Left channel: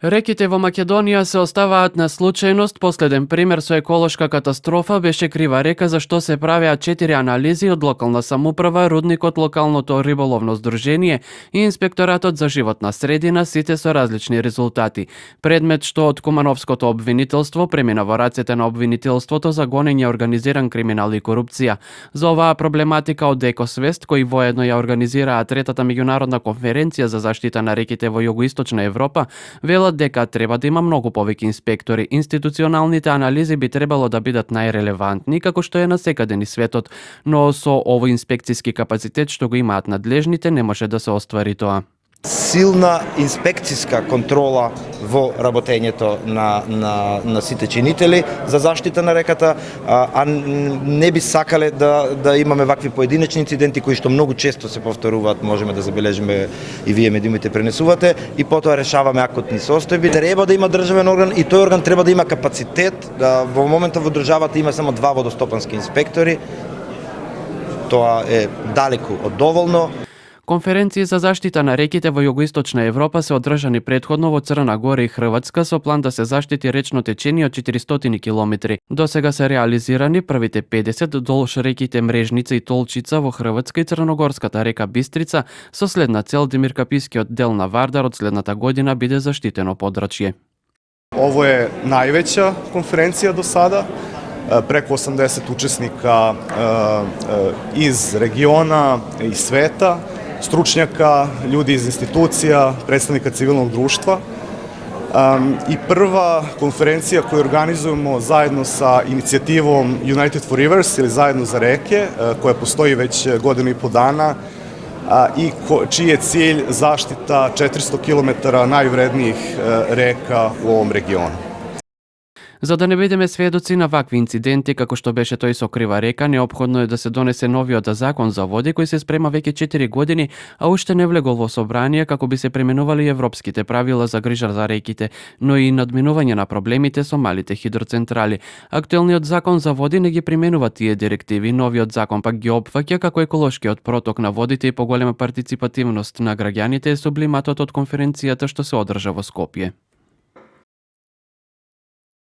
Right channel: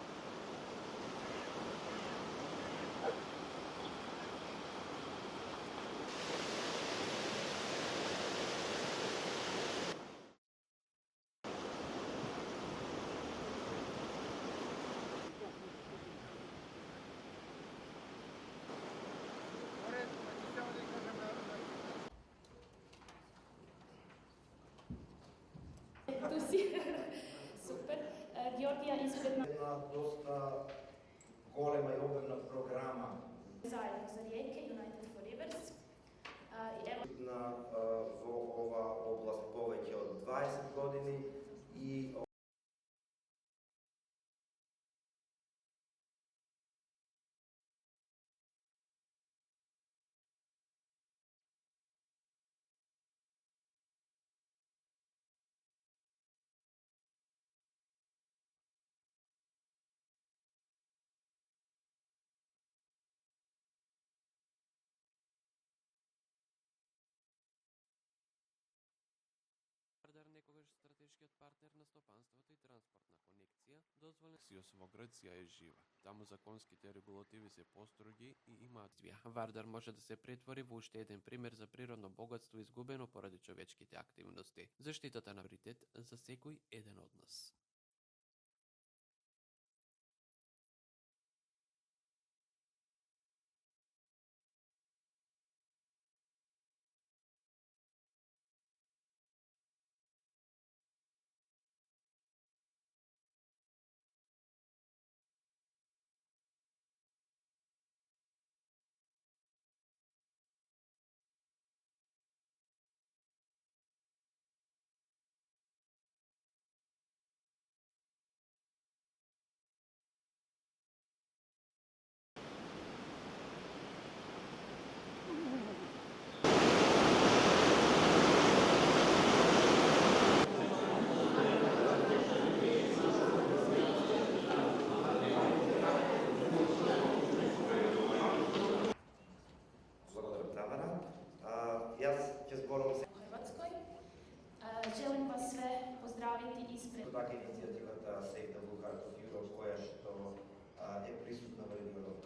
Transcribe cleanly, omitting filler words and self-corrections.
Реките во Македонија се оставаат на случајност. Последен пример со еколошка катастрофа беше Крива река, за што се правеа 4 анализи од локална самоуправа, рудникот, локалното риболовно здружение и инспекторатот за животна средина, сите со различни резултати. Предмет што од Кумановското обвинителство премина во рацете на обвинителството за гонење организиран криминал и корупција. За оваа проблематика од Екосвест, кои воедно ја организираа третата меѓународна конференција за заштита на реките во југоисточна Европа, велат дека треба да има многу повеќе инспектори. Институционалните анализи би требало да бидат најрелевантни, како што е насекаде низ светот, но со овој инспекциски капацитет што го имаат надлежните не може да се оствари тоа. Силна инспекциска контрола во работењето на сите чинители за заштита на реката, а не би сакале да имаме вакви поединечни инциденти кои што многу често се повторуваат, можеме да забележиме и вие медиумите пренесувате, и потоа решаваме ако ни состојби. Треба да има државен орган и тој орган треба да има капацитет. Во моментот во државата има само 2 водостопански инспектори. Тоа е далеку од доволно. Конференции за заштита на реките во југоисточна Европа се одржани претходно во Црна Гора и Хрватска со план да се заштити речно течение од 400 километри. До сега се реализирани првите 50 долж реките Мрежница и Толчица во Хрватска и Црногорската река Бистрица, со следна цел Демиркапискиот дел на Вардар од следната година биде заштитено подрачје. Ово е највеća конференција до сада. Преко 80 учесника из региона и света, stručnjaka, ljudi iz institucija, predstavnika civilnog društva. I prva konferencija koju organizujemo zajedno sa inicijativom United for Rivers ili Zajedno za reke, koja postoji već godinu i po dana i čiji je cilj zaštita 400 km najvrednijih reka u ovom regionu. За да не бидеме сведоци на вакви инциденти, како што беше тој со Крива река, неопходно е да се донесе новиот закон за води, кој се спрема веќе 4 години, а уште не влегол во собрание како би се применували европските правила за грижа за реките, но и надминување на проблемите со малите хидроцентрали. Актуелниот закон за води не ги применува тие директиви, новиот закон пак ги опфаќа, како еколошкиот проток на водите и поголема партиципативност на граѓаните е сублиматот од конференцијата што се одржа во Скопје.